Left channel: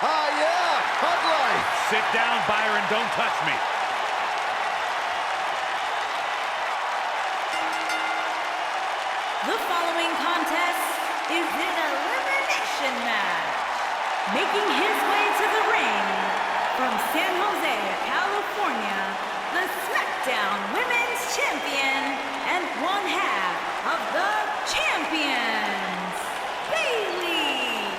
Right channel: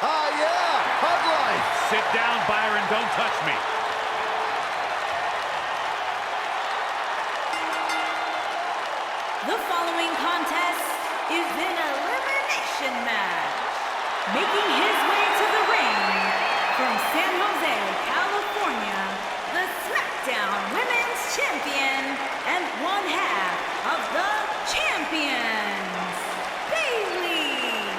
Yeah, hug life. Sit down, Byron. Don't touch me. The following contest is an elimination match. Making his way to the ring from San Jose, California, the SmackDown Women's Champion and one half of the Champions, Bayley.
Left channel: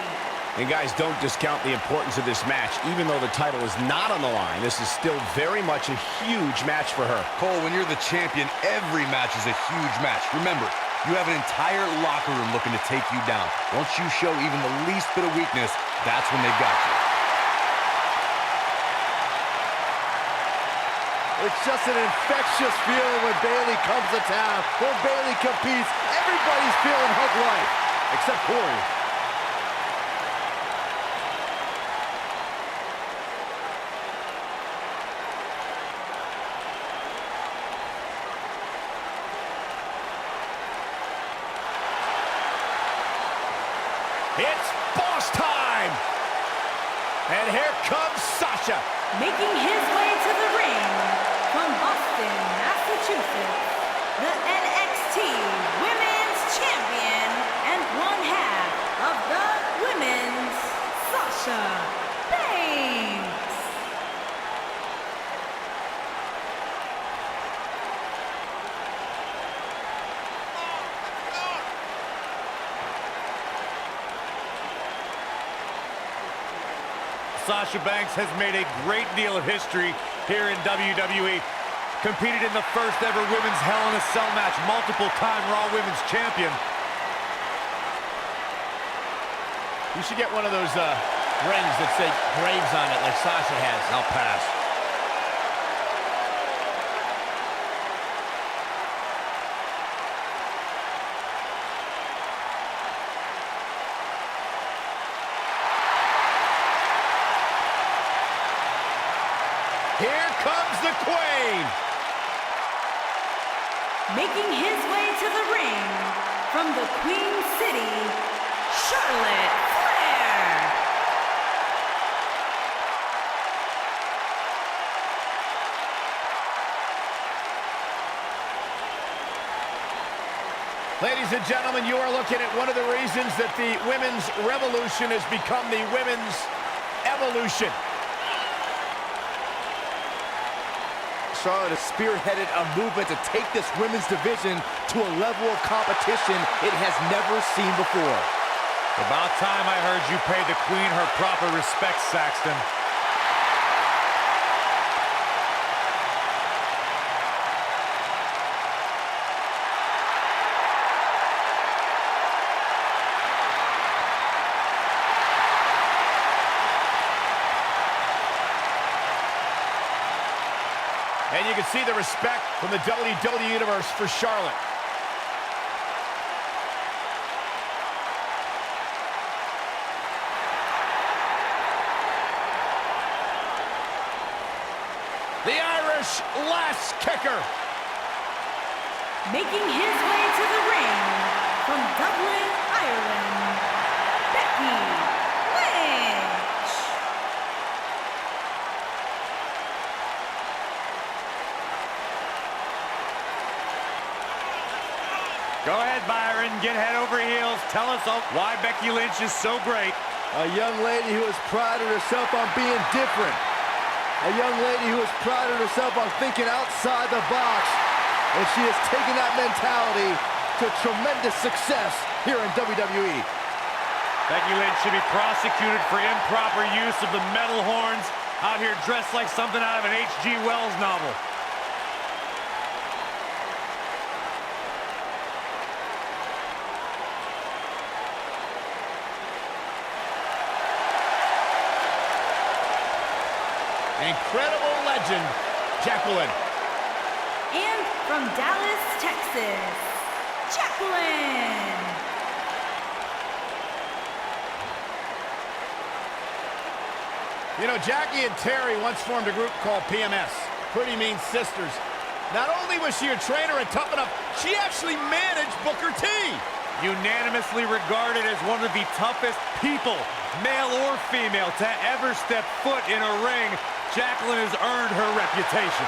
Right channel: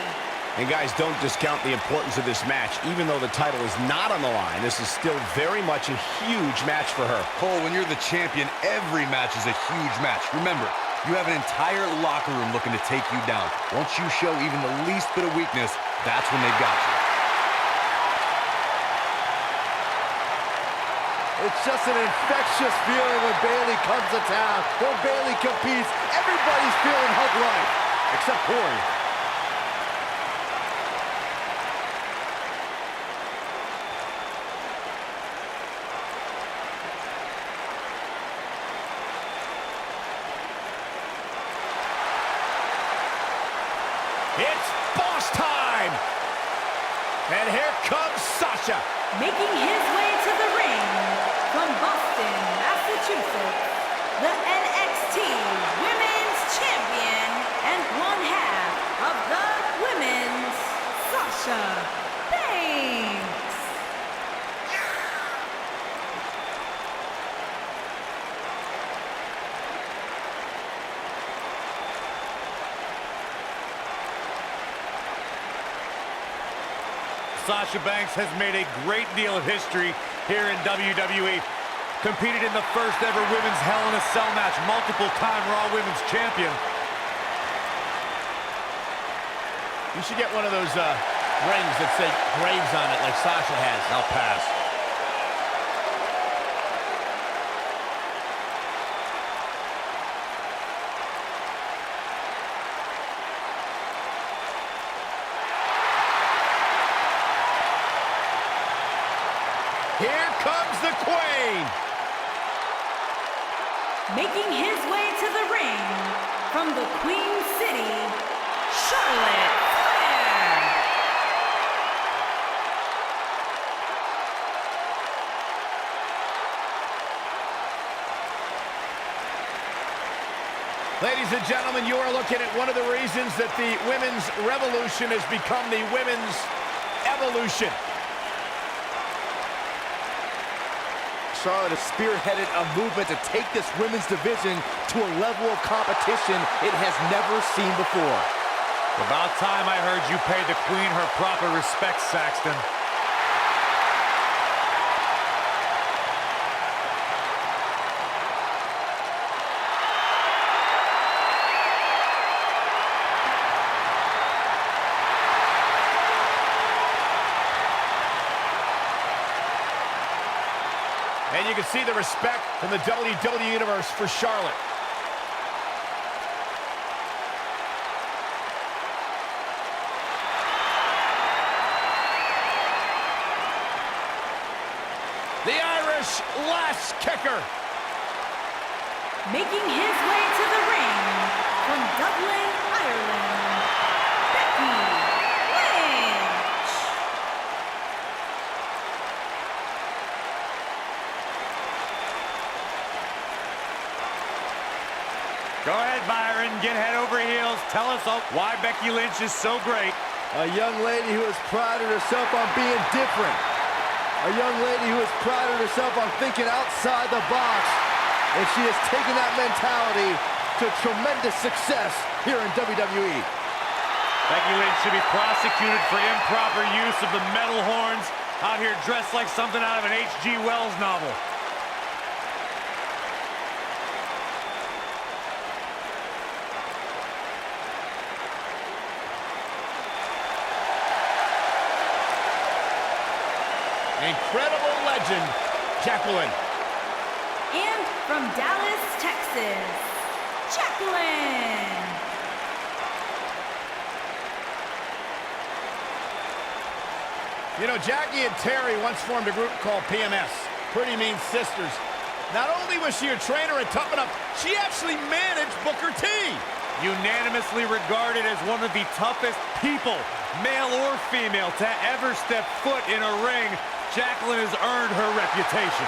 And guys, don't discount the importance of this match. Even though the title is not on the line, this is still very much a huge match for her. Cole, when you're the champion, every match is a huge match. Remember, you have an entire locker room looking to take you down. Once you show even the least bit of weakness, that's when they've got you. It's just an infectious feeling when Bayley comes to town. When Bayley competes, everybody's feeling hug life, except Corey. It's boss time! And here comes Sasha. Making his way to the ring from Boston, Massachusetts, the NXT Women's Champion and one half of the Women's, Sasha Banks. Sasha Banks has made a great deal of history here in WWE. Competed in the first ever women's Hell in a Cell match, multiple-time Raw Women's Champion. You should get one of those rings that say Graves on it like Sasha has. I'll pass. Here comes the Queen. Making his way to the ring from the Queen City, Charlotte Flair. Ladies and gentlemen, you are looking at one of the reasons that the women's revolution has become the women's evolution. Charlotte has spearheaded a movement to take this women's division to a level of competition it has never seen before. About time I heard you pay the Queen her proper respect, Saxton. And you can see the respect from the WWE Universe for Charlotte. The Irish last kicker. Making his way to the ring from Dublin, Ireland, Becky Lynch. Go ahead, Byron. Get head over heels. Tell us why Becky Lynch is so great. A young lady who has prided herself on being different. A young lady who has prided herself on thinking outside the box. And she has taken that mentality to tremendous success here in WWE. Becky Lynch should be prosecuted for improper use of the metal horns, out here dressed like something out of an H.G. Wells novel. Incredible legend, Jacqueline. And from Dallas, Texas, Jacqueline. You know, Jackie and Terry once formed a group called PMS, Pretty Mean Sisters. Not only was she a trainer at Tough Enough, she actually managed Booker T. Unanimously regarded as one of the toughest people male or female, to ever step foot in a ring, Jacqueline has earned her reputation.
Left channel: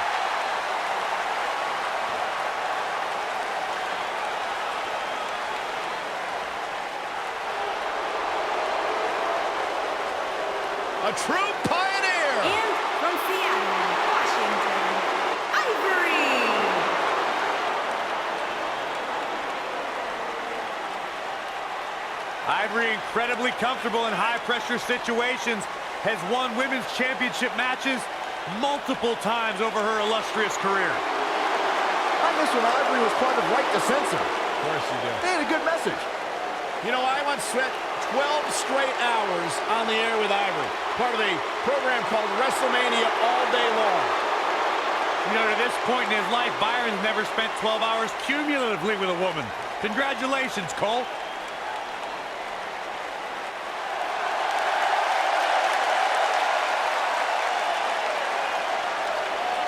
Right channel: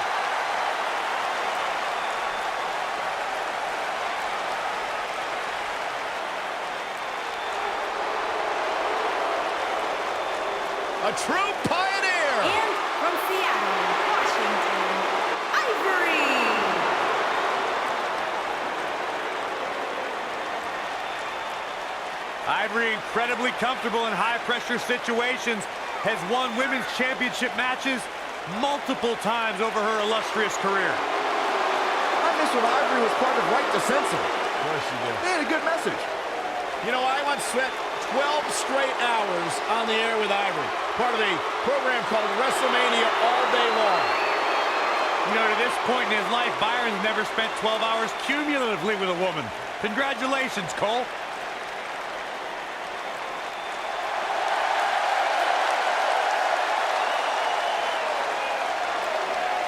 A true pioneer! And from Seattle, Washington, Ivory! Ivory, incredibly comfortable in high-pressure situations, has won women's championship matches multiple times over her illustrious career. I miss when Ivory was part of Right to Censor. Of course you do. They had a good message. You know, I once spent 12 straight hours on the air with Ivory, part of a program called WrestleMania All Day Long. You know, to this point in his life, Byron's never spent 12 hours cumulatively with a woman. Congratulations, Cole.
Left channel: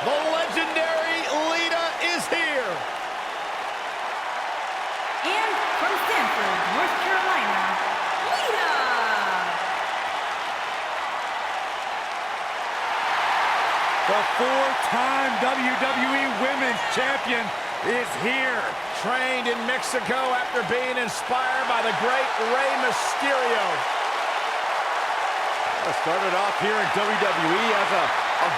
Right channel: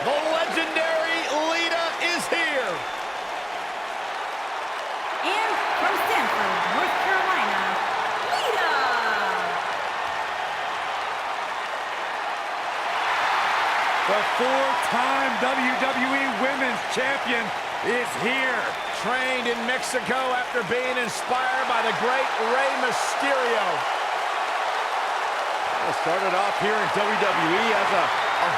The legendary Lita is here. And from Stanford, North Carolina, Lita! The four-time WWE Women's Champion is here. Trained in Mexico after being inspired by the great Rey Mysterio. Started off here in WWE as a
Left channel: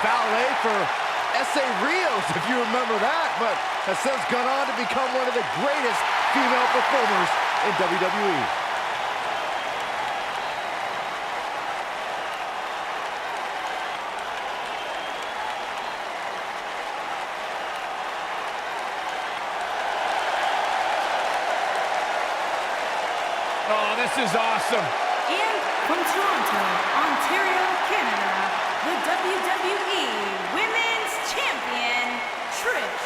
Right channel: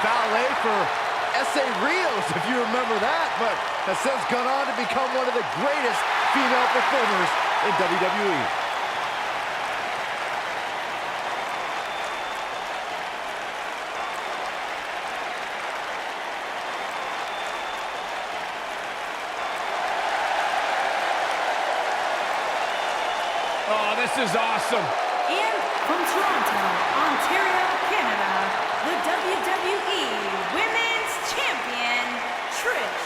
valet for S.A. Rios, if you remember that, but has since gone on to become one of the greatest female performers in WWE. Oh, this is awesome. And from Toronto, Ontario, Canada, the WWE Women's Champion, Trish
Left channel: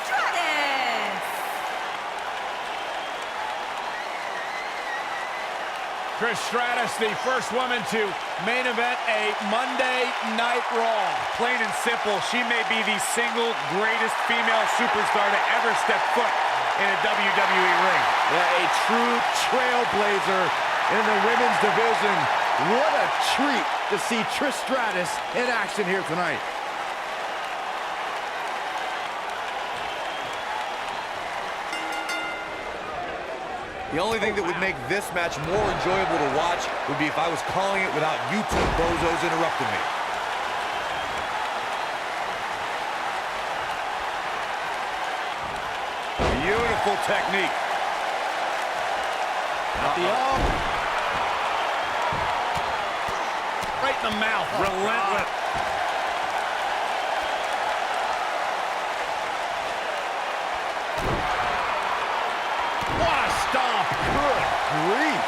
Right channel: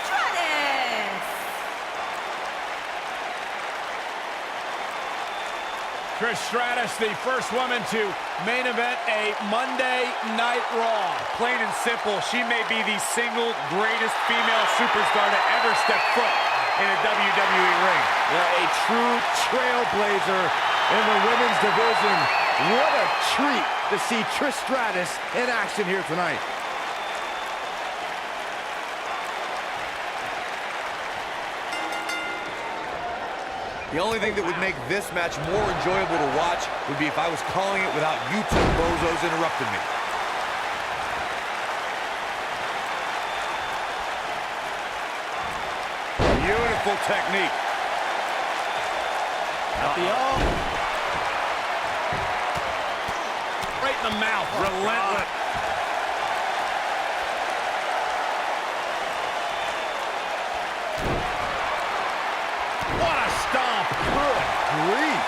Stratus. Trish Stratus, the first woman to main event a Monday Night Raw. Plain and simple, she may be the single greatest female superstar to ever step foot in a WWE ring. Yeah, a true trailblazer in the women's division. What a treat to see Trish Stratus in action here tonight. The only thing that would make this match more enjoyable to watch would be if I was calling it without you two bozos interrupting me. Beautiful technique. At the arm. Right in the mouth. Relentless. What a stomp. Good grief.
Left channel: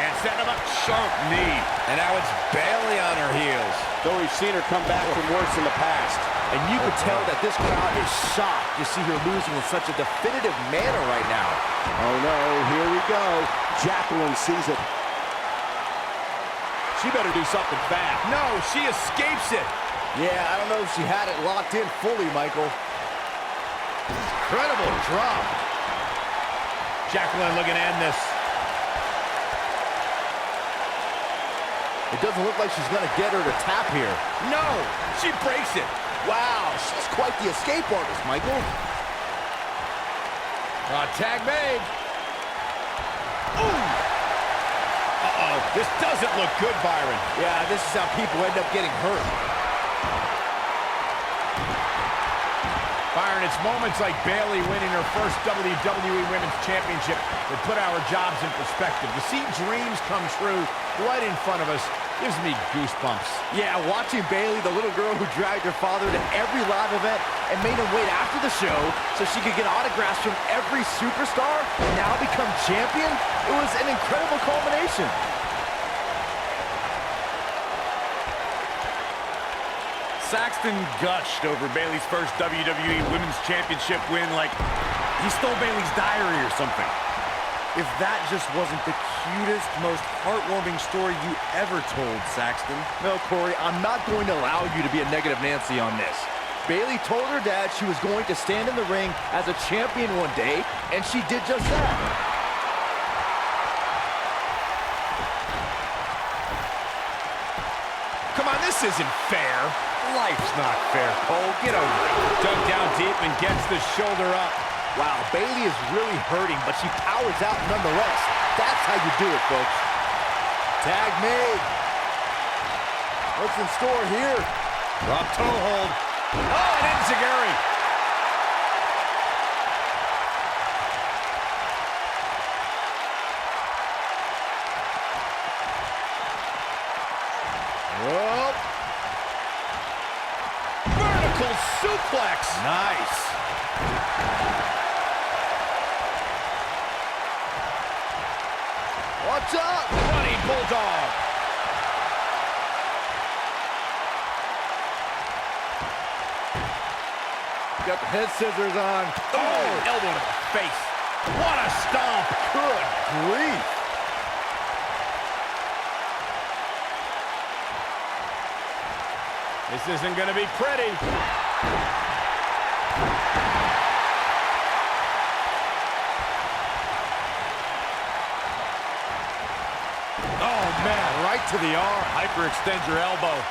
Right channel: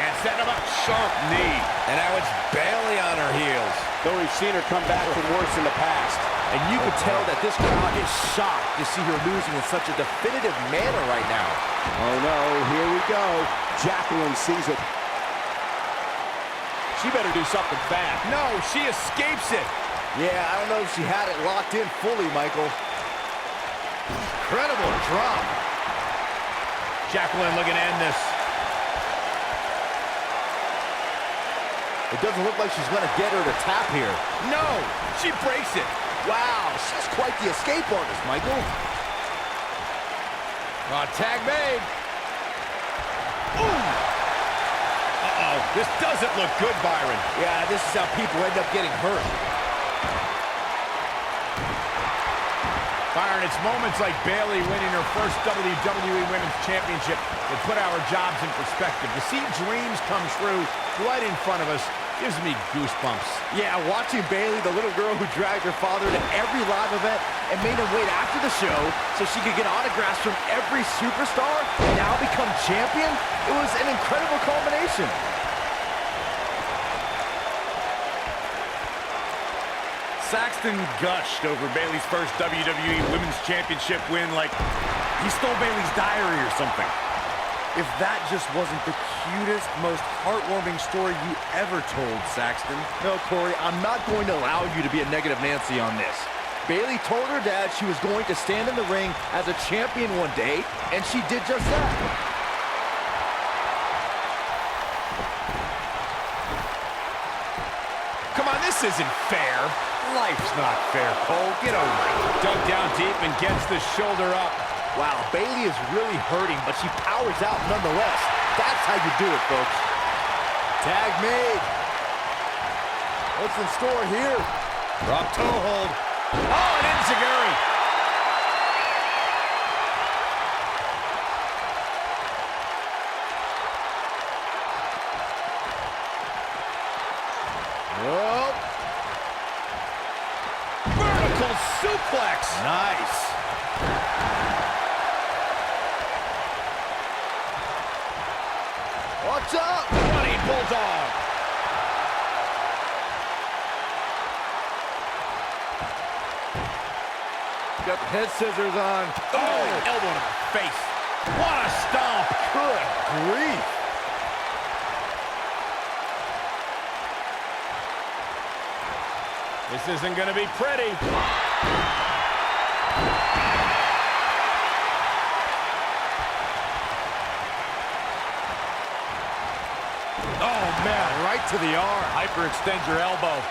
And setting him up. Sharp knee. And now it's Bayley on her heels. Though we've seen her come back from worse in the past. And you could tell that this crowd is shocked to see her losing in such a definitive manner right now. Oh no, here we go. Jacqueline sees it. She better do something fast. No, she escapes it. Yeah, I don't know if she had it locked in fully, Michael. Incredible drop. Jacqueline looking to end this. It doesn't look like she's going to get her to tap here. No, she breaks it. Wow, she's quite the escape artist, Michael. Tag made. Ooh. Uh-oh, this doesn't look good, Byron. Yeah, this is how people end up getting hurt. Byron, it's moments like Bayley winning her first WWE Women's Championship that put our jobs in perspective. To see dreams come true right in front of us gives me goosebumps. Yeah, watching Bayley, the little girl who dragged her father to every live event and made him wait after the show so she could get autographs from every superstar and now become champion, it was an incredible culmination. Saxton gushed over Bayley's first WWE Women's Championship win like he stole Bayley's diary or something. If that just wasn't the cutest, most heartwarming story you ever told, Saxton. No, Corey, I'm not going to allow you to be a negative Nancy on this. Bayley told her dad she was going to stand in the ring as a champion one day, and she did just that. come on, this isn't fair. Life's not fair, Cole. Get over it. Dug down deep and gets the shoulder up. Wow, Bayley is really hurting, but she powers out nonetheless. That's how you do it, folks. Tag made. What's in store here? Drop toe hold. Oh, and enziguri. Oh. Vertical suplex. Nice. Watch out! Running bulldog. Got the head scissors on. Oh, elbow to the face. What a stomp. Good grief. This isn't going to be pretty. Oh, man, right to the arm. Hyperextend your elbow.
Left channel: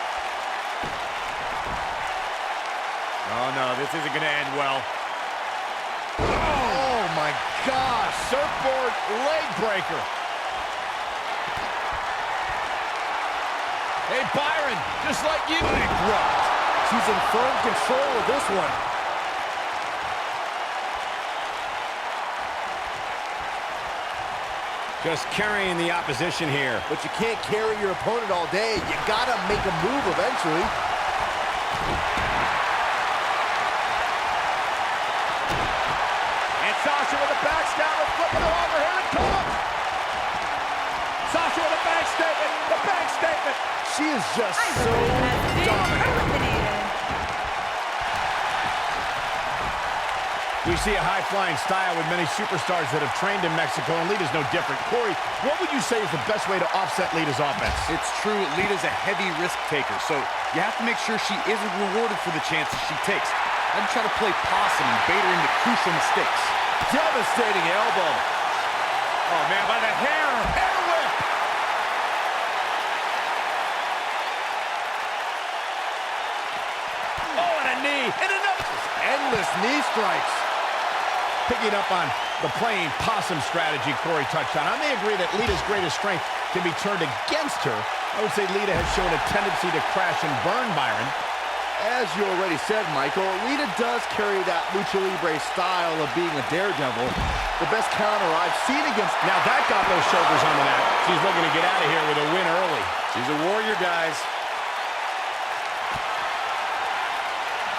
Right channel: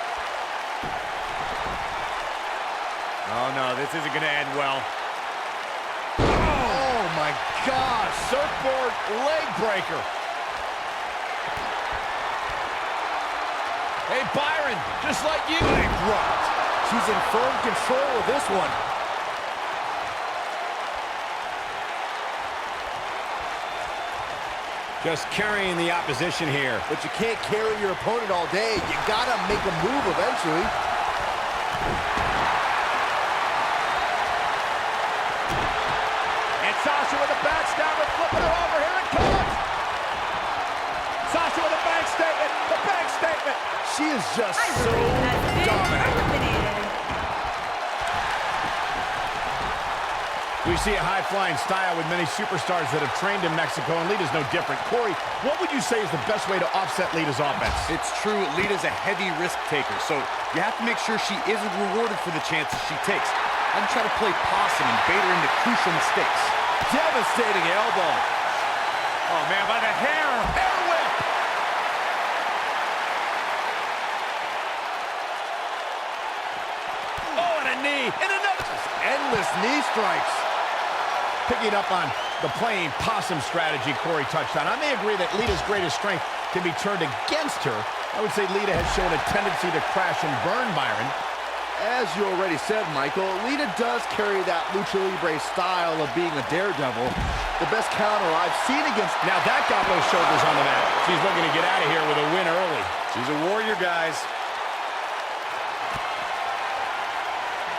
Oh, no, this isn't going to end well. Oh, my gosh. Surfboard leg breaker. Hey, Byron, just like you. Bankrupt. She's in firm control of this one. Just carrying the opposition here. But you can't carry your opponent all day. You gotta make a move eventually. And Sasha with a backstabber, flipping her over. Here it comes. Sasha with a bank statement. The bank statement. She is just so Ivory has been dominant. eliminated. We see a high-flying style with many superstars that have trained in Mexico, and Lita's no different. Corey, what would you say is the best way to offset Lita's offense? It's true, Lita's a heavy risk taker, so you have to make sure she isn't rewarded for the chances she takes. I'd try to play possum and bait her into crucial mistakes. Devastating elbow. Oh, man, by the hair. Hair whip! Oh, and a knee, and another. Endless knee strikes. Picking up on the playing possum strategy Corey touched on, I may agree that Lita's greatest strength can be turned against her. I would say Lita has shown a tendency to crash and burn, Byron. As you already said, Michael, Lita does carry that lucha libre style of being a daredevil. The best counter I've seen against... Now that got those shoulders on the mat. She's looking to get out of here with a win early. She's a warrior, guys.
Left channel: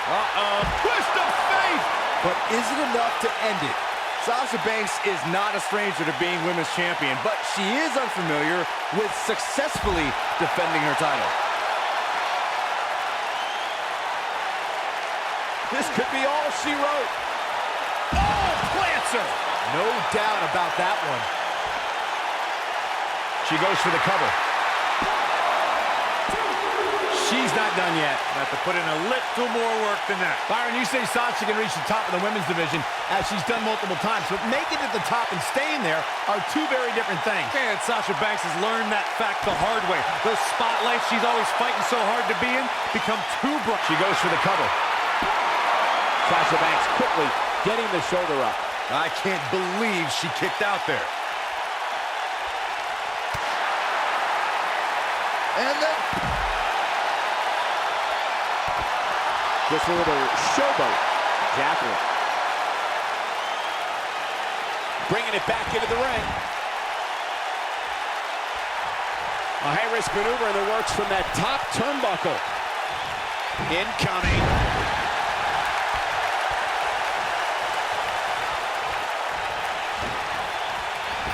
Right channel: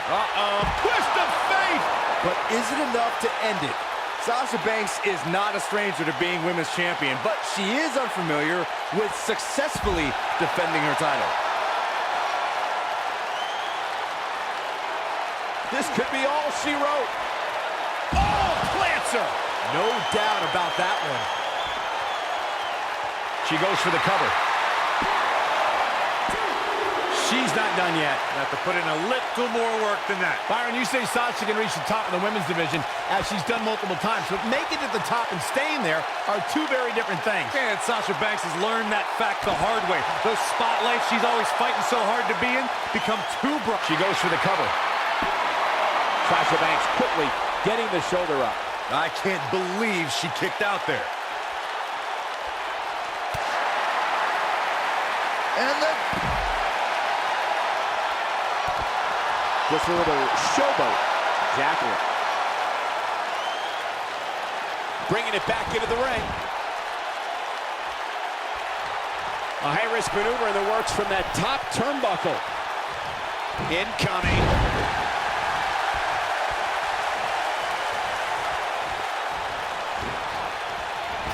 Uh-oh, twist of fate! But is it enough to end it? Sasha Banks is not a stranger to being women's champion, but she is unfamiliar with successfully defending her title. This could be all she wrote. Oh, plants her! No doubt about that one. She goes for the cover. She's not done yet. Have to put in a little more work than that. Byron, you say Sasha can reach the top of the women's division, as she's done multiple times, but making it to the top and staying there are two very different things. And Sasha Banks has learned that fact the hard way. Those spotlights she's always fighting so hard to be in become too bright. She goes for the cover. Sasha Banks quickly getting the shoulder up. I can't believe she kicked out there. And then... Just a little showboat. Jacqueline. Bringing it back into the ring. A high-risk maneuver in the works from that top turnbuckle. Incoming.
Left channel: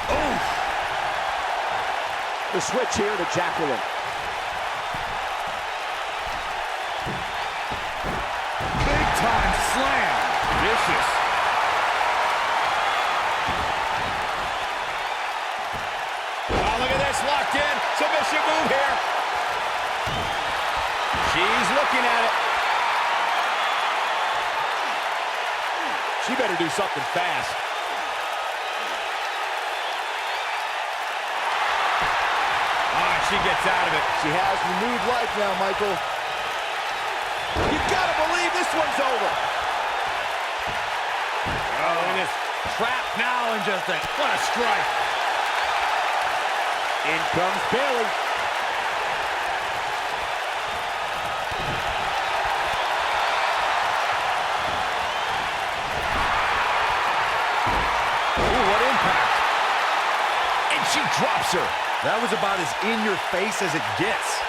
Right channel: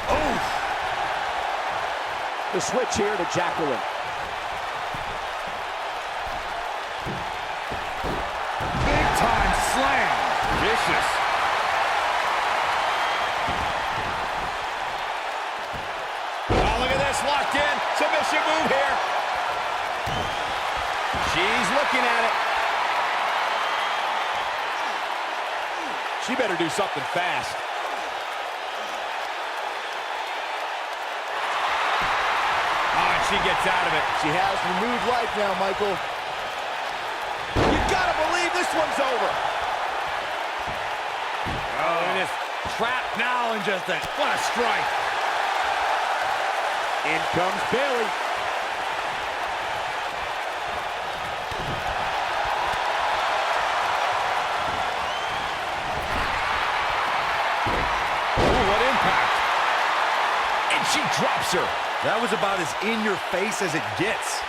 Oh! The switch here to Jacqueline. Time slam. Vicious. Oh, look at this. Locked in. Submission move here. She's looking at it. She better do something fast. Oh, she gets out of it. She has renewed life now, Michael. You gotta believe this one's over. Oh, it is trapped now and just what a strike. In comes Bayley. Ooh, what impact. And she drops her. That was about as in your face as it gets.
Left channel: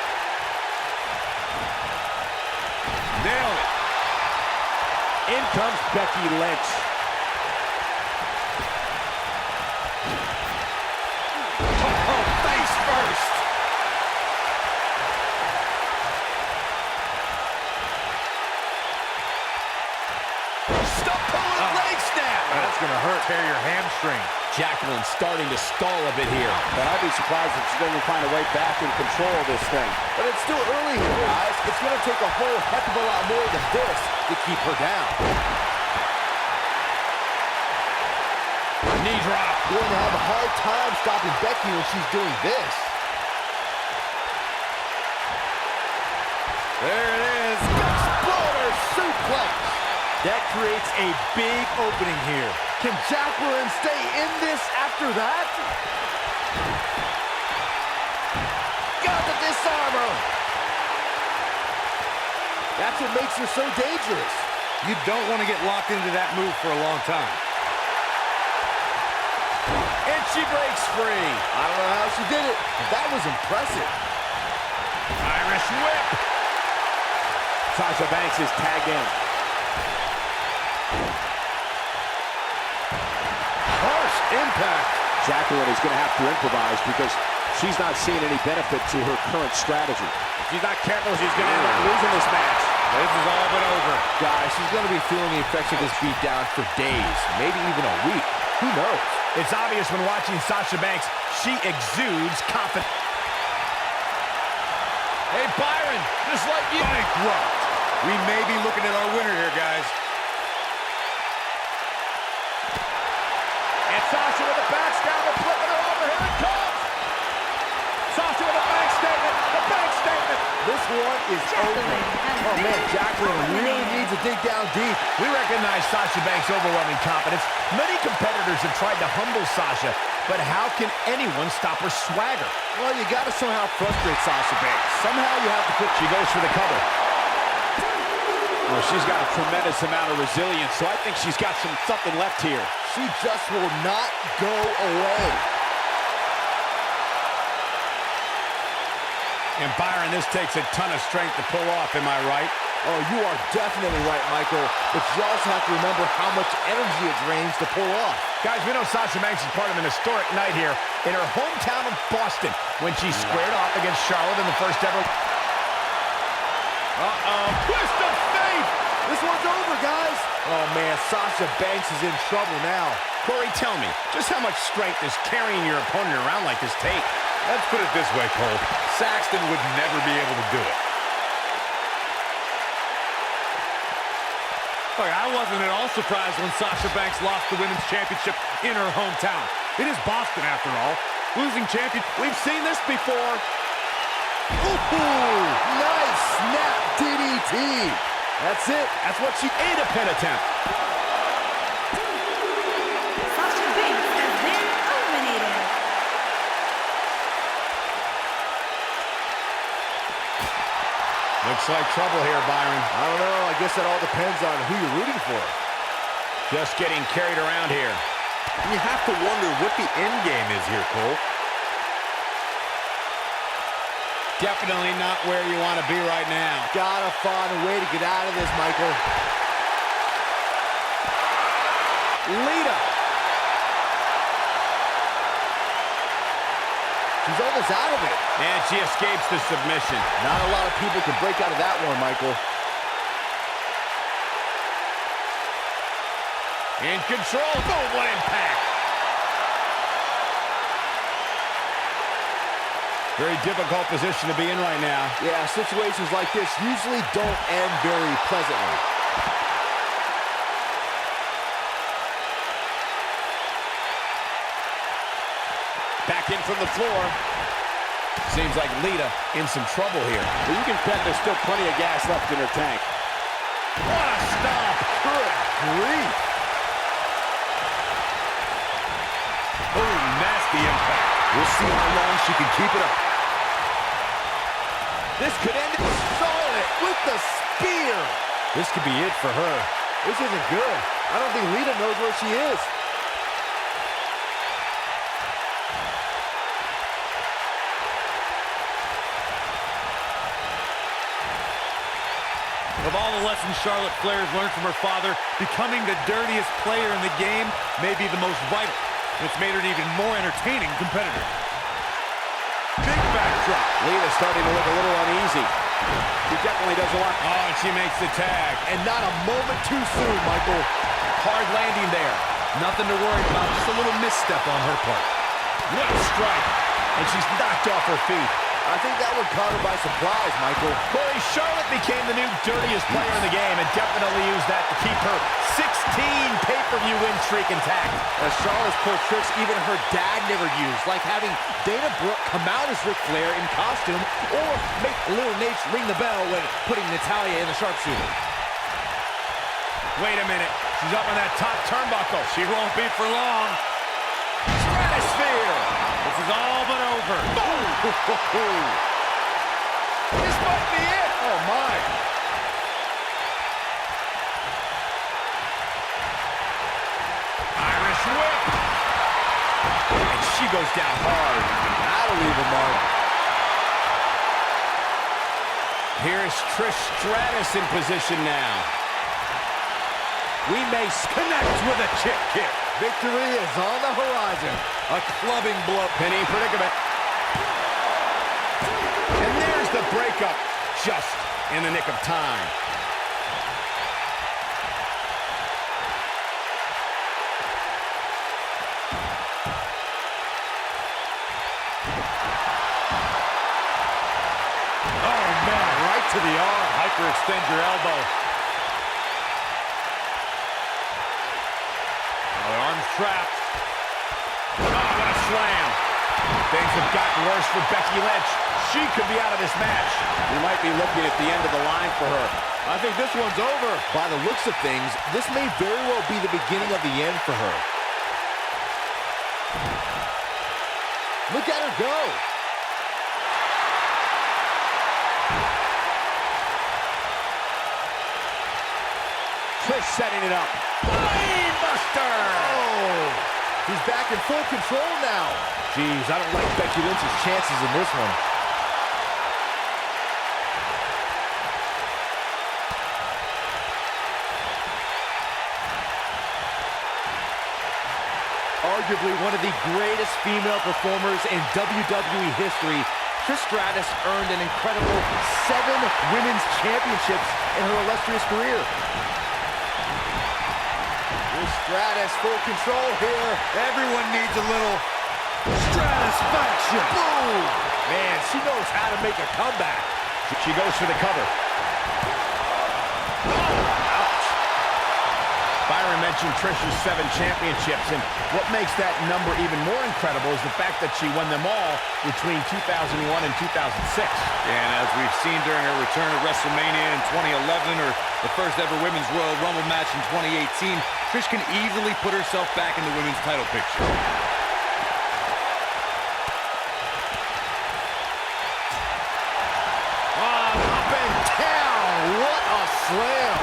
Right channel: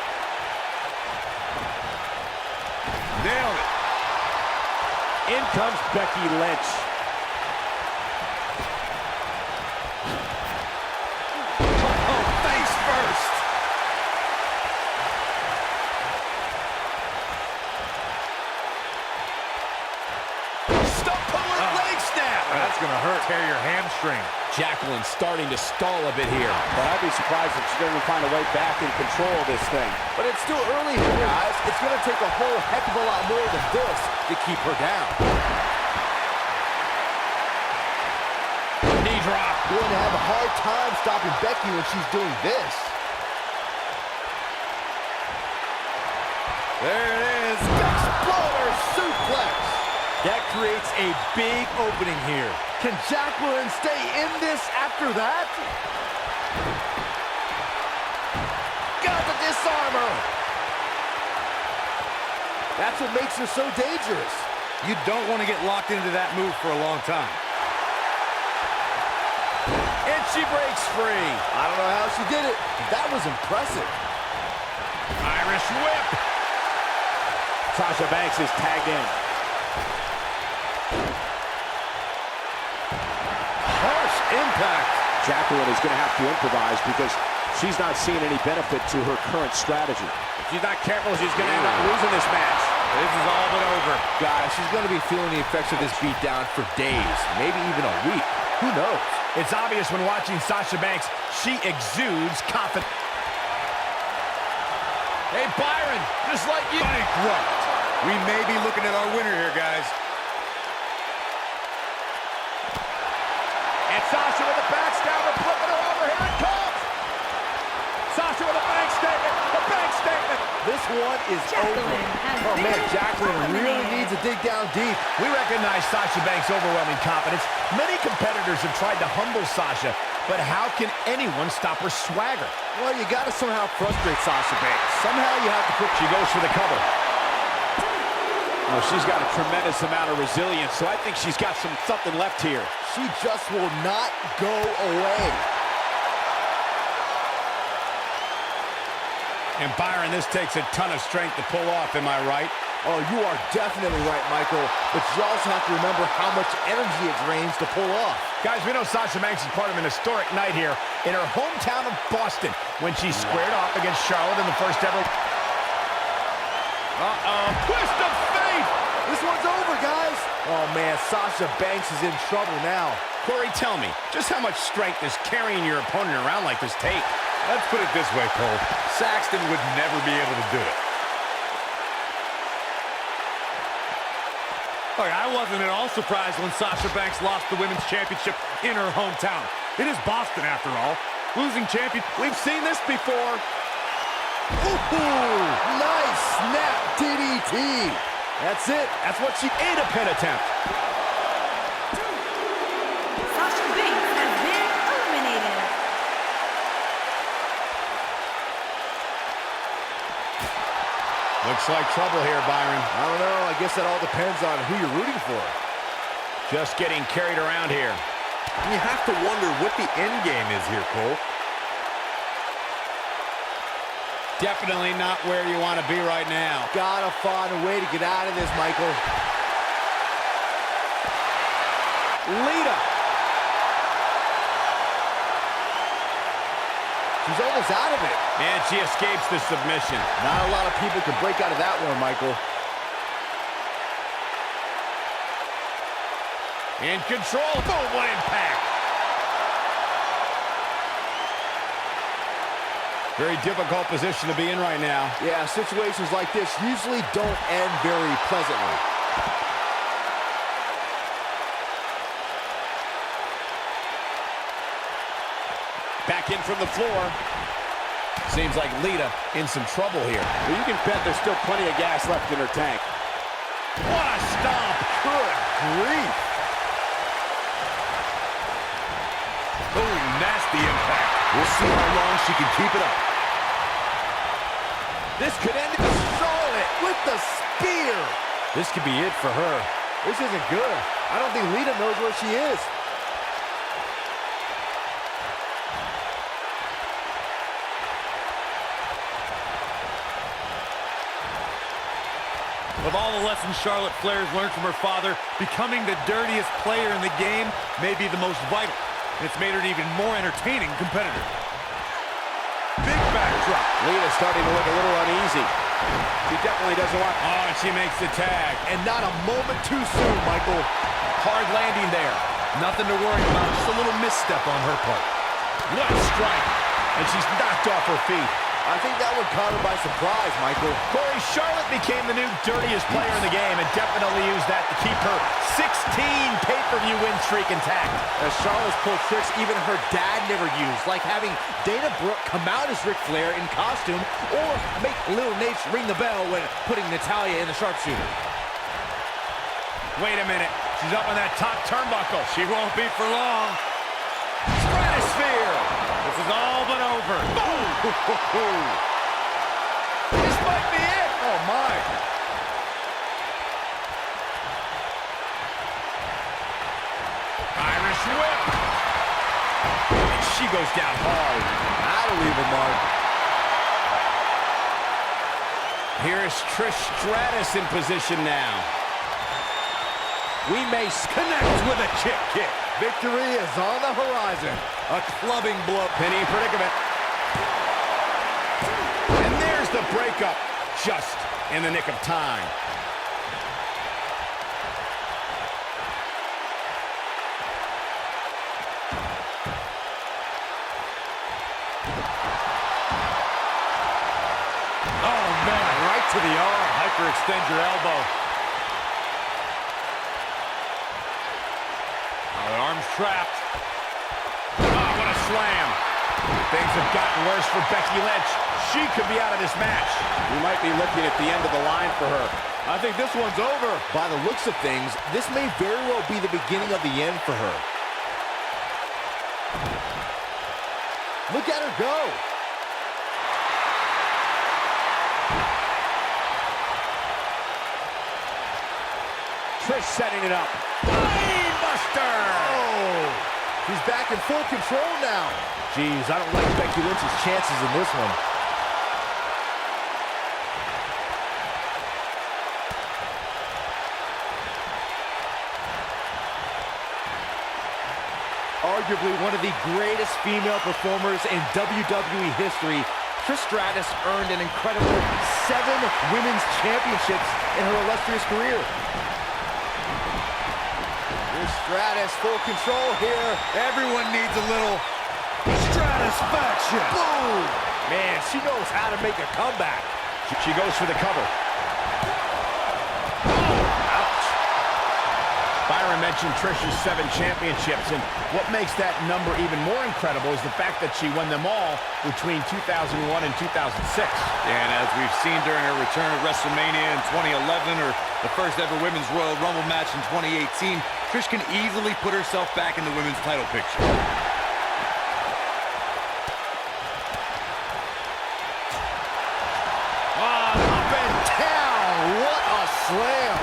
Nailed it. In comes Becky Lynch. Oh, face first. Stop pulling leg snap. That's gonna hurt. Tear your hamstring. Jacqueline starting to stall a bit here. But I'd be surprised if she doesn't find a way back in control of this thing. But it's still early here, guys. It's going to take a whole heck of a lot more than this to keep her down. Knee drop. Going to have a hard time stopping Becky when she's doing this. There it is. Exploder suplex. That creates a big opening here. Can Jacqueline stay in this after that? Got the disarmer. That's what makes her so dangerous. You don't want to get locked into that move for a long time. And she breaks free. I don't know how she did it, but that was impressive. Irish whip. Sasha Banks is tagged in. Harsh impact. Jacqueline is going to have to improvise because she's not seeing any benefit to her current strategy. If she's not careful, she's going to end up losing this match. This is all but over. Guys, she's going to be feeling the effects of this beatdown for days, maybe even a week. Who knows? It's obvious when watching Sasha Banks, she exudes confidence. Hey, Byron, just like you. Bankrupt. We may be looking at our winner here, guys. And Sasha with a backstabber, flipping her over. Here it comes. Sasha with a bank statement. The bank statement. This one is Jacqueline over. has Oh, man, been Jacqueline really eliminated. needs to dig down deep. We recognize Sasha Banks' overwhelming confidence. Many competitors have tried to humble Sasha, but how can anyone stop her swagger? Well, you got to somehow frustrate Sasha Banks. Somehow you have to put... She goes for the cover. Oh, she's got a tremendous amount of resilience, so I think she's got something left here. She just will not go away. And Byron, this takes a ton of strength to pull off, am I right? Oh, you are definitely right, Michael. But you also have to remember how much energy it drains to pull off. Guys, we know Sasha Banks is part of an historic night here in her hometown of Boston when she squared off against Charlotte in the first ever... Twist of fate! This one's over, guys. Oh, man, Sasha Banks is in trouble now. Corey, tell me, just how much strength does carrying your opponent around like this take? Let's put it this way, Cole. Saxton would never be able to do it. Look, I wasn't at all surprised when Sasha Banks lost the Women's Championship in her hometown. It is Boston, after all. Losing champion. We've seen this before. Ooh, nice snap DDT. That's it. That's what she Ate a pin attempt. Sasha Banks has been eliminated. Looks like trouble here, Byron. I don't know. I guess that all depends on who you're rooting for. Just getting carried around here. You have to wonder what the end game is here, Cole. Definitely not where you want to be right now. Gotta find a way to get out of this, Michael. Lita. She's almost out of it. And she escapes the submission. Not a lot of people can break out of that one, Michael. In control. Boom, what impact. Very difficult position to be in right now. Yeah, situations like this usually don't end very pleasantly. Back in from the floor. Seems like Lita in some trouble here. Well, you can bet there's still plenty of gas left in her tank. What a stomp! Good grief. Oh, nasty impact. We'll see how long she can keep it up. This could end it. Charlotte with the spear. This could be it for her. This isn't good. I don't think Lita knows where she is. Of all the lessons Charlotte Flair has learned from her father, becoming the dirtiest player in the game may be the most vital. And it's made her an even more entertaining competitor. Big backdrop. Lita's starting to look a little uneasy. She definitely doesn't want... Oh, and she makes the tag. And not a moment too soon, Michael. Hard landing there. Nothing to worry about, just a little misstep on her part. What a strike. And she's knocked off her feet. I think that one caught her by surprise, Michael. Corey, Charlotte became the new dirtiest player in the game and definitely used that to keep her 16 pay-per-view win streak intact. As Charlotte's pulled tricks even her dad never used, like having Dana Brooke come out as Ric Flair in costume or make Little Nate ring the bell when putting Natalya in the sharpshooter. Wait a minute. She's up on that top turnbuckle. She won't be for long. Stratosphere. This is all but over. Boom! This might be it. Oh, my. Irish whip. And she goes down hard. That'll leave a mark. Here's Trish Stratus in position now. We may Connects with a chick kick. Victory is on the horizon. A clubbing blow. Penny predicament. And there's the breakup, just in the nick of time. Oh, man, right to the arm. Hyperextend your elbow. Oh, the arm's trapped. Oh, what a slam. Things have gotten worse for Becky Lynch. She could be out of this match. We might be looking at the end of the line for her. I think this one's over. By the looks of things, this may very well be the beginning of the end for her. Look at her go. Trish setting it up. Buster! Oh, he's back in full control now. Jeez, I don't like Becky Lynch's chances in this one. Arguably one of the greatest female performers in WWE history, Trish Stratus earned an incredible 7 women's championships in her illustrious career. Trish Stratus, full control here. Everyone needs a little stratisfaction. Boom! Man, she knows how to make a comeback. She goes for the cover. Ouch. Byron mentioned Trish's 7 championships, and what makes that number even more incredible is the fact that she won them all between 2001 and 2006. And as we've seen during her return at WrestleMania in 2011 or the first ever Women's Royal Rumble match in 2018, Trish can easily put herself back in the women's title picture. Up and down. What a slam.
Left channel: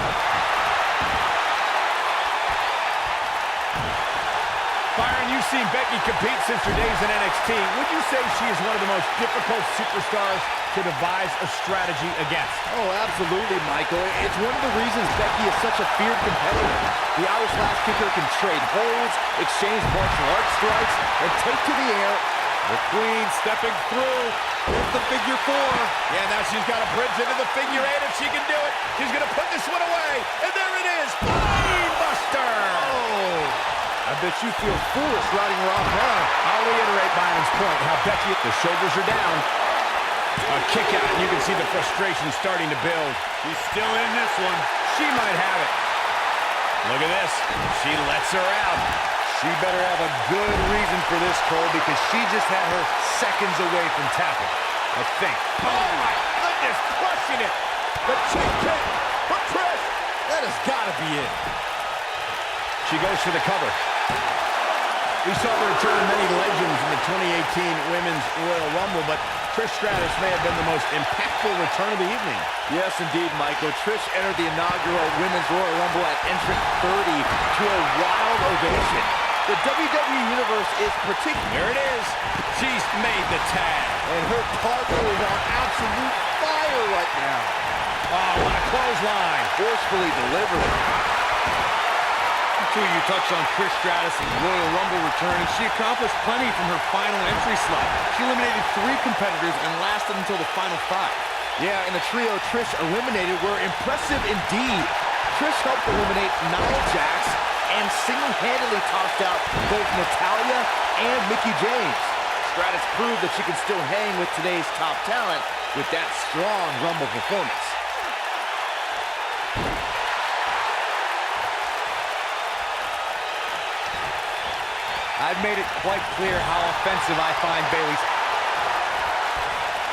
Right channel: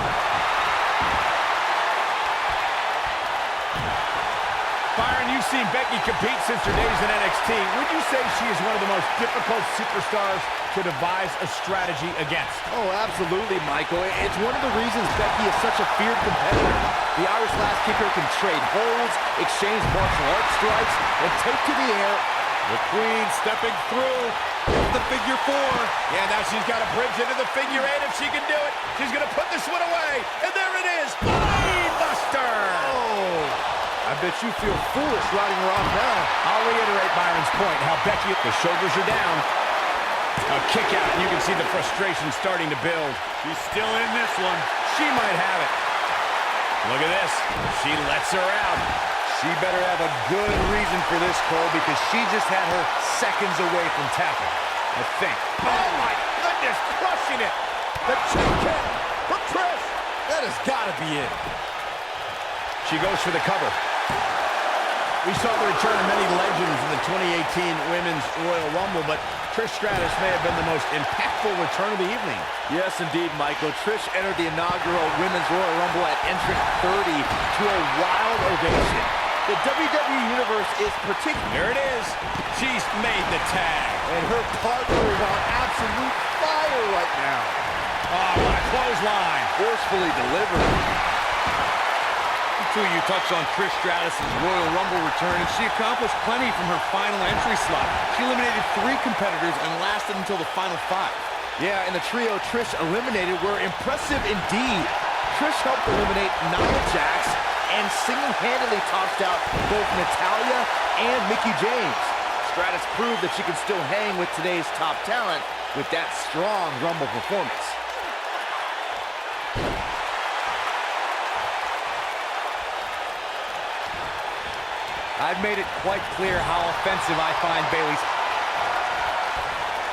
Byron, you've seen Becky compete since her days in NXT. Would you say she is one of the most difficult superstars to devise a strategy against? Oh, absolutely, Michael. It's one of the reasons Becky is such a feared competitor. The Irish Lass Kicker can trade holds, exchange martial arts strikes, and take to the air. The Queen stepping through the figure 4. Yeah, now she's got a bridge into the figure 8 if she can do it. She's going to put this one away, and there it is. Buster! Oh, I bet you feel foolish riding her off now. I'll reiterate Byron's point, how Becky, the shoulders are down. A kick out, and you can see the frustration starting to build. She's still in this one. She might have it. Look at this. She lets her out. She better have a good reason for this, Cole, because she just had her seconds away from tapping, I think. Oh, my goodness, crushing it. The chick kick from Trish. That has got to be it. She goes for the cover. We saw the return of many legends in the 2018 Women's Royal Rumble, but Trish Stratus may have been the most impactful return of the evening. Yes, indeed, Michael. Trish entered the inaugural Women's Royal Rumble at entrant 30 to a wild ovation. The WWE Universe is particular. There it is. She's made the tag. And her partner is on absolute fire right now. Oh, what a clothesline. Forcefully delivered. Two, you touched on Trish Stratus' Royal Rumble return, and she accomplished plenty from her final entry slot. She eliminated 3 competitors and lasted until the final 5. Yeah, and the trio Trish eliminated were impressive indeed. Trish helped eliminate Nia Jax and single-handedly tossed out both Natalya and Mickie James. Stratus proved that she can still hang with today's top talent with that strong Rumble performance. I've made it quite clear how offensive I find Bayley's.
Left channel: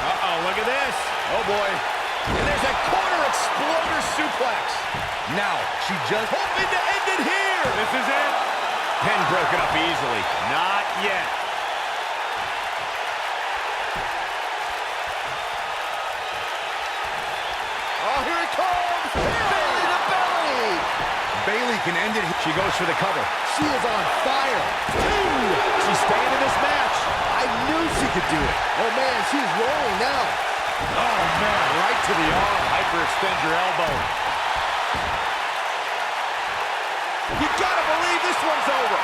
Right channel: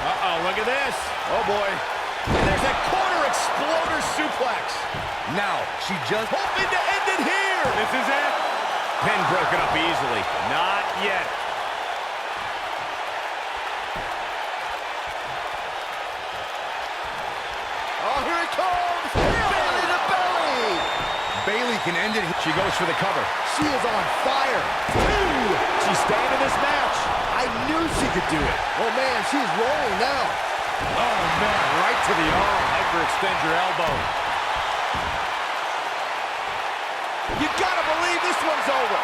Uh-oh, look at this. Oh, boy. And there's that corner exploder suplex. Now, she just Hoping to end it here. This is it. Pin broken up easily. Not yet. Oh, here it comes! Belly to belly! Bayley can end it. She goes for the cover. She is on fire. 2. She's staying in this match. I knew she could do it. Oh, man, she's rolling now. Oh, man, right to the arm. Hyperextend your elbow. You gotta believe this one's over.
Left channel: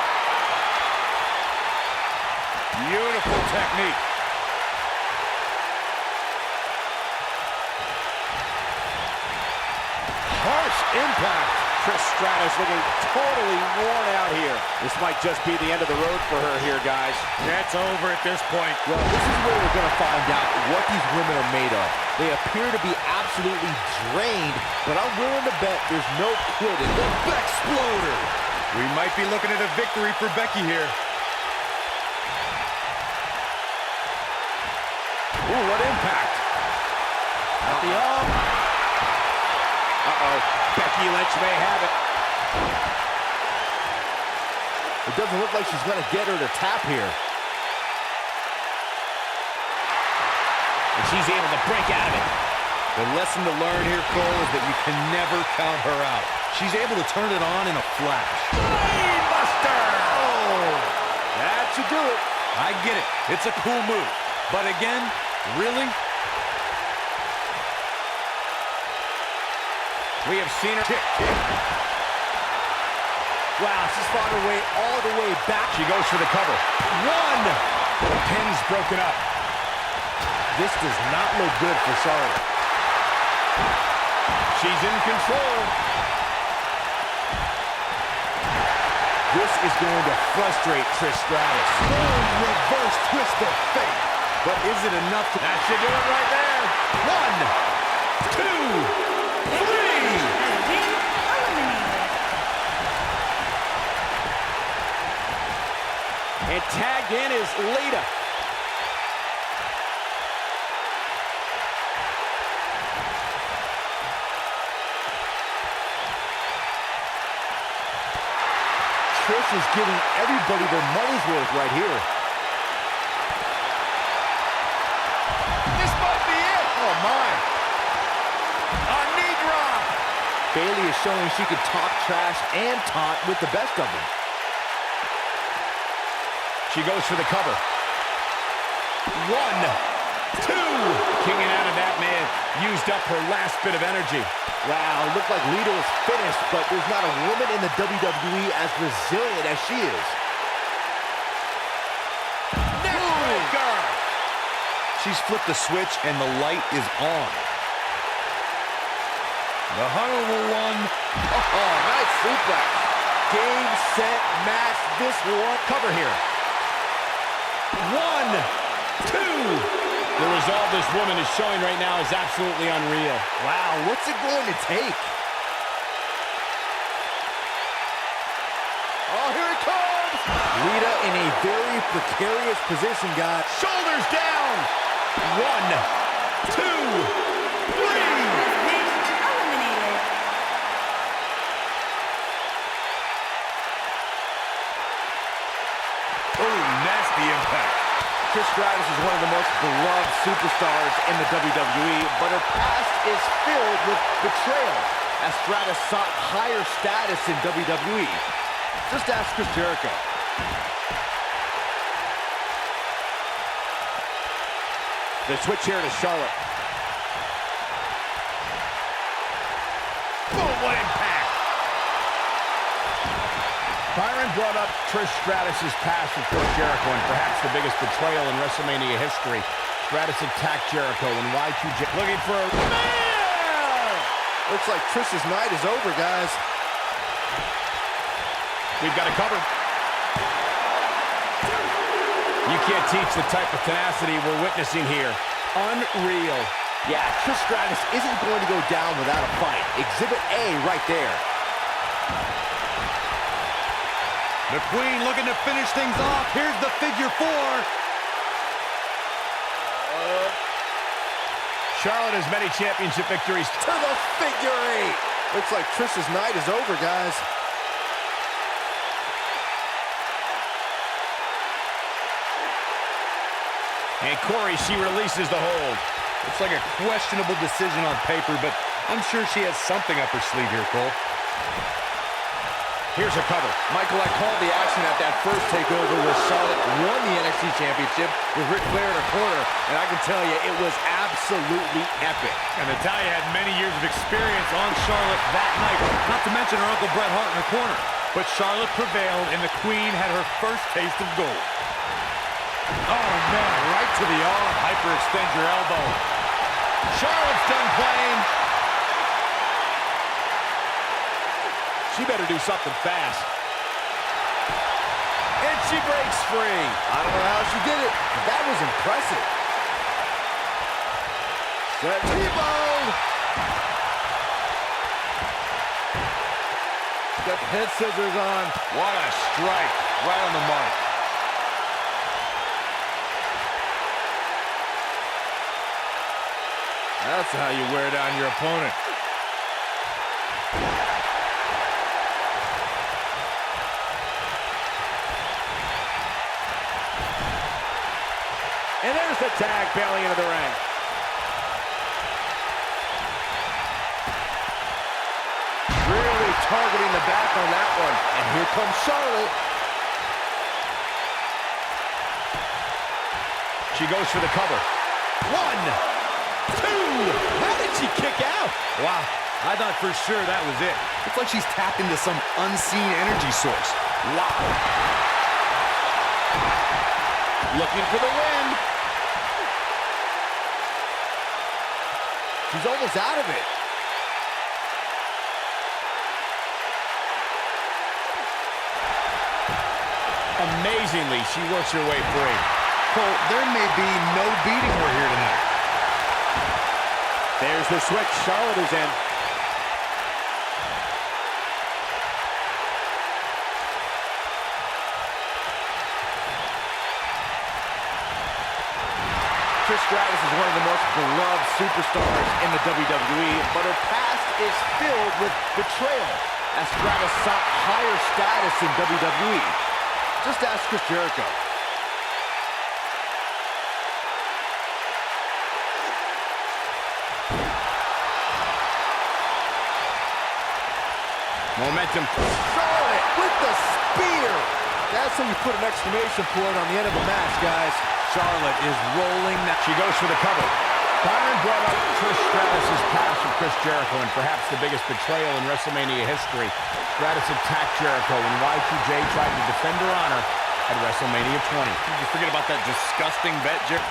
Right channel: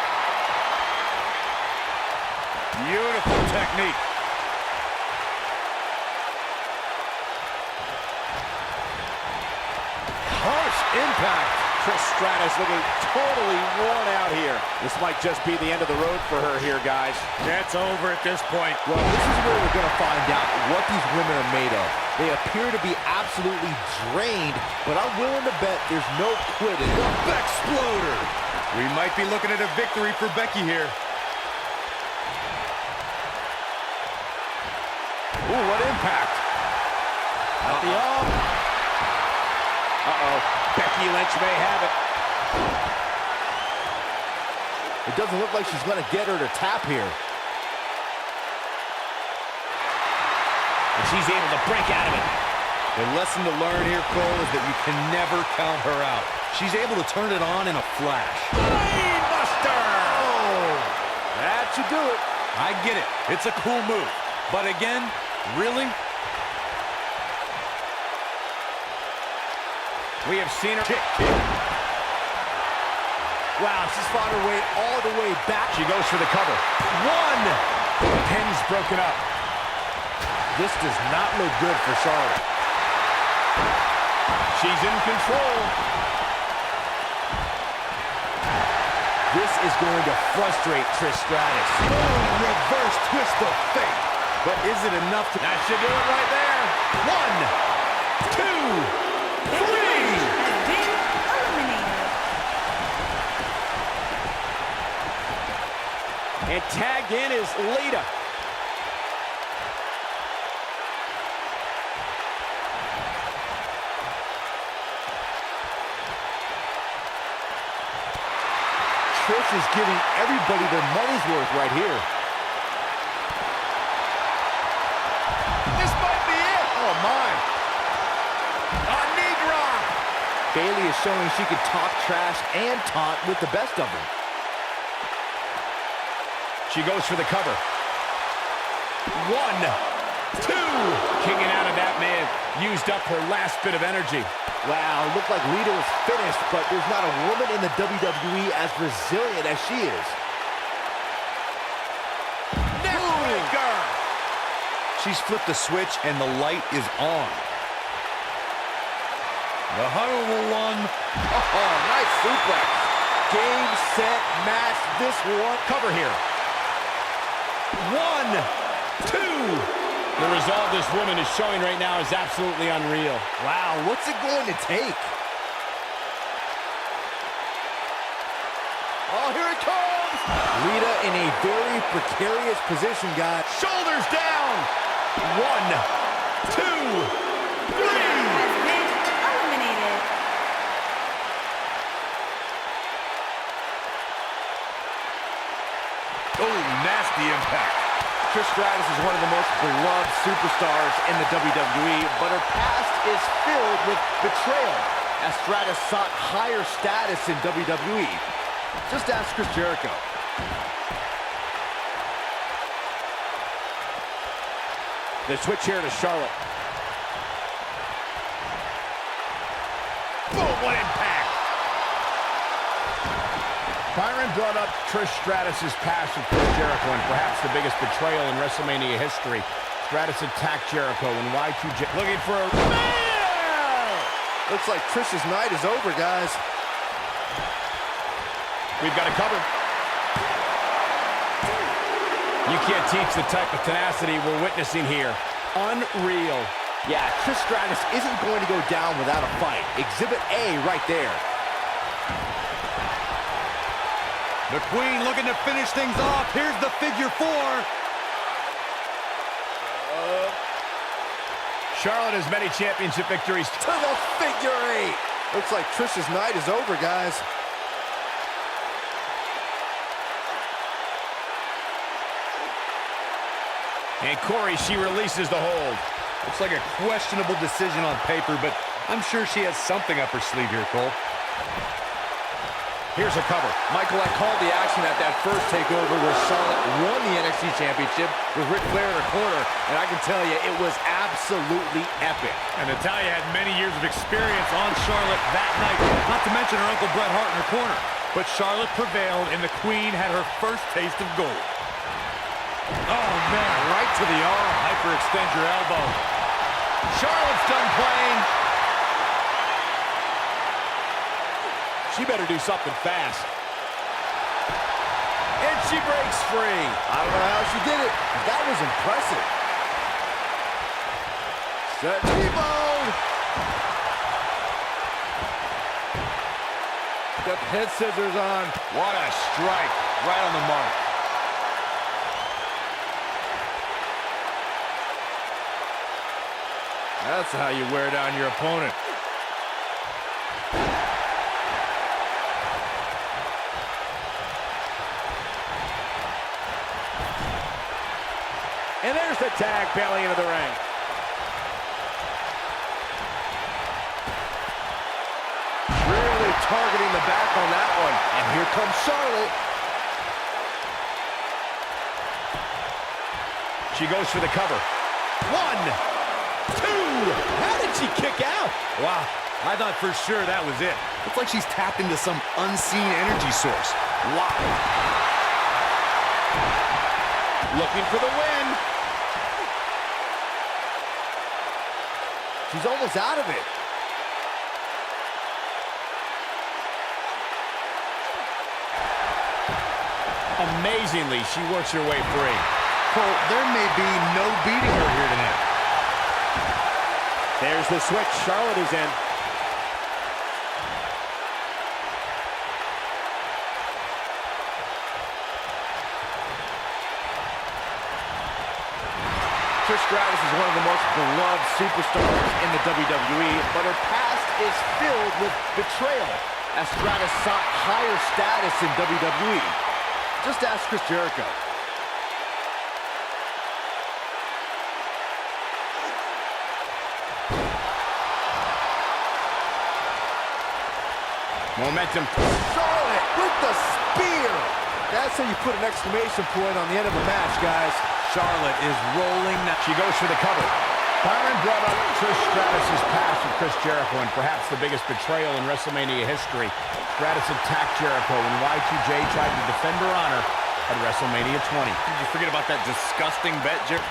Beautiful technique. Harsh impact. Trish Stratus looking totally worn out here. This might just be the end of the road for her here, guys. It's over at this point. Well, this is where we're going to find out what these women are made of. They appear to be absolutely drained, but I'm willing to bet there's no quit in them. Bexploder. We might be looking at a victory for Becky here. Ooh, what impact. At the arm. Uh-oh. Becky Lynch may have it. It doesn't look like she's going to get her to tap here. And she's able to break out of it. The lesson to learn here, Cole, is that you can never count her out. She's able to turn it on in a flash. Brainbuster! Oh, that should do it. I get it. It's a cool move. But again, really? We have seen her kick. Wow, she's fought her way all the way back. She goes for the cover. 1. Pin's broken up. This does not look good for Charlotte. She's in control. This is going to frustrate Trish Stratus. Boom, reverse twist of fate. But is it enough to... That should do it right there. 1, 2, 3. Has been eliminated. And tagged in is Lita. Trish is giving everybody their money's worth right here. This might be it. Oh, my. A knee drop. Bayley is showing she can talk trash and taunt with the best of them. She goes for the cover. 1, 2. Kicking out of that man used up her last bit of energy. Wow, looked like Lita was finished, but there's not a woman in the WWE as resilient as she is. Neckbreaker. She's flipped the switch and the light is on. The horrible one. Oh, nice suplex. Game, set, match. This one. Cover here. 1, 2. The resolve this woman is showing right now is absolutely unreal. Wow, what's it going to take? Oh, here it comes! Lita in a very precarious position, guys. Shoulders down. 1, 2, 3. Has been eliminated. Oh, nasty impact. Trish Stratus is one of the most beloved superstars in the WWE, but her past is filled with betrayal, as Stratus sought higher status in WWE. Just ask Chris Jericho. The switch here to Charlotte. Boom, what impact. Byron brought up Trish Stratus' past with Chris Jericho and perhaps the biggest betrayal in WrestleMania history. Stratus attacked Jericho and Y2J looking for a... Man! Looks like Trish's night is over, guys. We've got a cover. You can't teach the type of tenacity we're witnessing here. Unreal. Yeah, Trish Stratus isn't going to go down without a fight. Exhibit A right there. The Queen looking to finish things off. Here's the figure 4. Charlotte has many championship victories. To the figure 8. Looks like Trish's night is over, guys. And Corey, she releases the hold. Looks like a questionable decision on paper, but I'm sure she has something up her sleeve here, Cole. Here's a cover. Michael, I called the action at that first takeover where Charlotte won the NXT Championship with Ric Flair in her corner, and I can tell you, it was absolutely epic. And Natalya had many years of experience on Charlotte that night, not to mention her Uncle Bret Hart in her corner. But Charlotte prevailed, and the Queen had her first taste of gold. Oh, man, right to the arm. Hyperextend your elbow. Charlotte's done playing. She better do something fast. And she breaks free. I don't know how she did it, but that was impressive. Set T-bone. Got the head scissors on. What a strike. Right on the mark. That's how you wear down your opponent. And there's the tag, Bayley into the ring. Really targeting the back on that one. And here comes Charlotte. She goes for the cover. 1, 2. How did she kick out? Wow, I thought for sure that was it. Looks like she's tapped into some unseen energy source. Wow. Looking for the win. She's almost out of it. Amazingly, she works her way free. Cole, there may be no beating her here tonight. There's the switch. Charlotte is in. Trish Stratus is one of the most beloved superstars in the WWE, but her past is filled with betrayal, as Stratus sought higher status in WWE. Just ask Chris Jericho. Momentum. Charlotte with the spear. That's how you put an exclamation point on the end of a match, guys. Charlotte is rolling now. She goes for the cover. Byron brought up Trish Stratus' past with Chris Jericho and perhaps the biggest betrayal in WrestleMania history. Stratus attacked Jericho and Y2J tried to defend her honor at WrestleMania 20. Did you forget about that disgusting bet, Jer?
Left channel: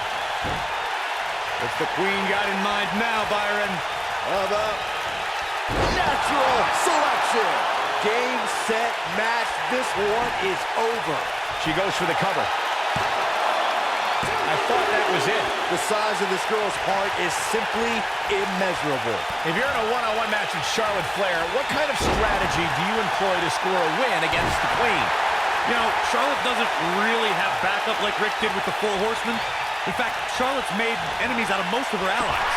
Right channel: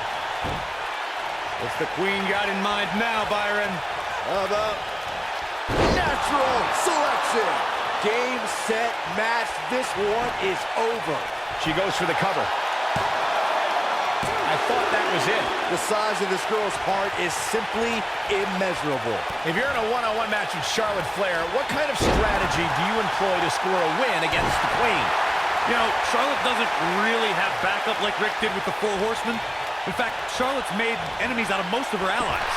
What's the Queen got in mind now, Byron? How about natural selection? Game, set, match. This one is over. She goes for the cover. I thought that was it. The size of this girl's heart is simply immeasurable. If you're in a one-on-one match with Charlotte Flair, what kind of strategy do you employ to score a win against the Queen? You know, Charlotte doesn't really have backup like Rick did with the Four Horsemen. In fact, Charlotte's made enemies out of most of her allies.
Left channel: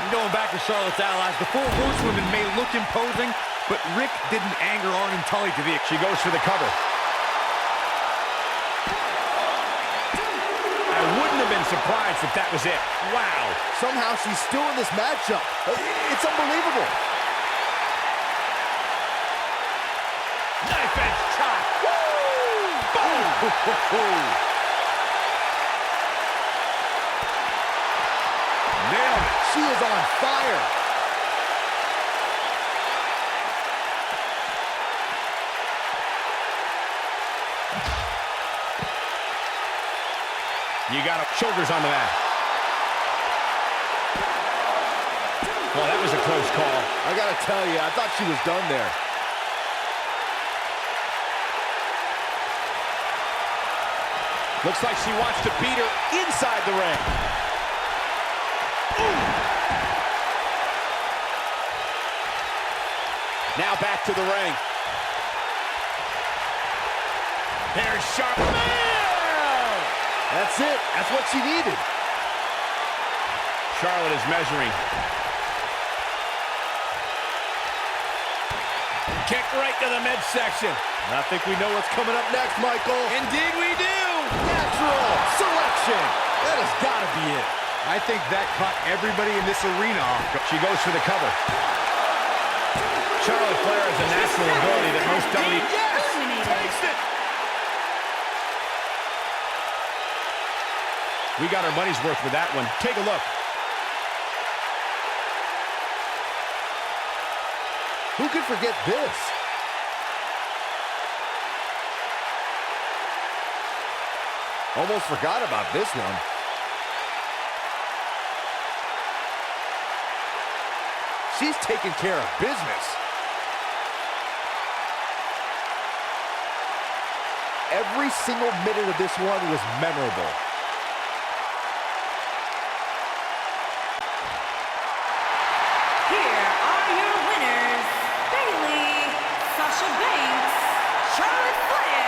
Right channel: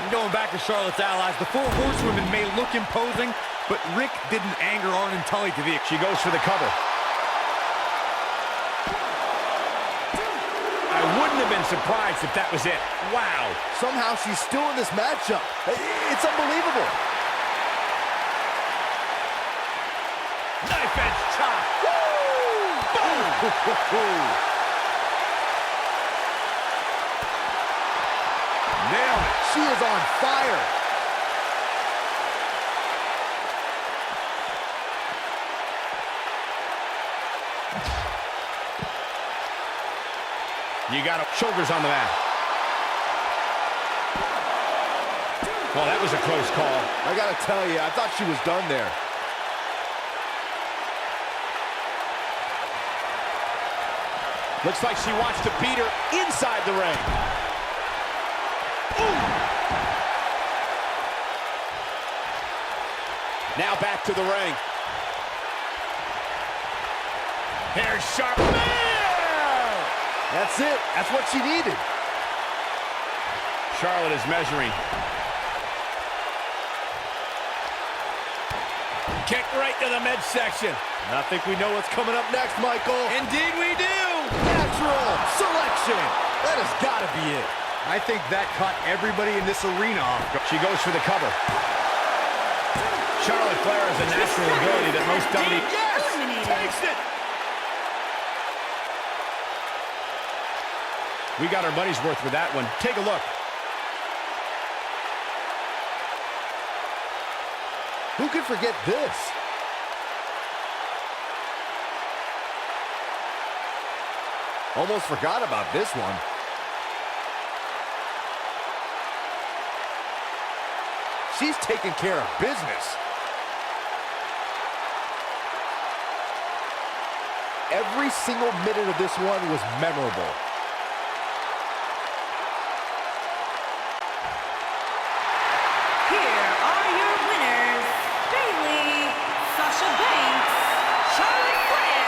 And going back to Charlotte's allies, the Four Horsewomen may look imposing, but Rick didn't anger Arn and Tully to the... She goes for the cover. I wouldn't have been surprised if that was it. Wow. Somehow she's still in this matchup. It's unbelievable. Knife edge chop. Woo! Boom! Nailed it. She is on fire. You got her shoulders on the mat. Well, that was a close call. I gotta tell you, I thought she was done there. Looks like she wants to beat her inside the ring. Ooh. Now back to the ring. Here's sharp. That's it. That's what she needed. Charlotte is measuring. Kick right to the midsection. I think we know what's coming up next, Michael. Indeed we do. Natural selection. That has got to be it. I think that caught everybody in this arena off. She goes for the cover. Charlotte Flair has a natural ability that most WWE... Yes! Takes it! We got our money's worth with that one. Take a look. Who could forget this? Almost forgot about this one. She's taking care of business. Every single minute of this one was memorable. Here are your winners, Bayley, Sasha Banks, Charlotte Flair,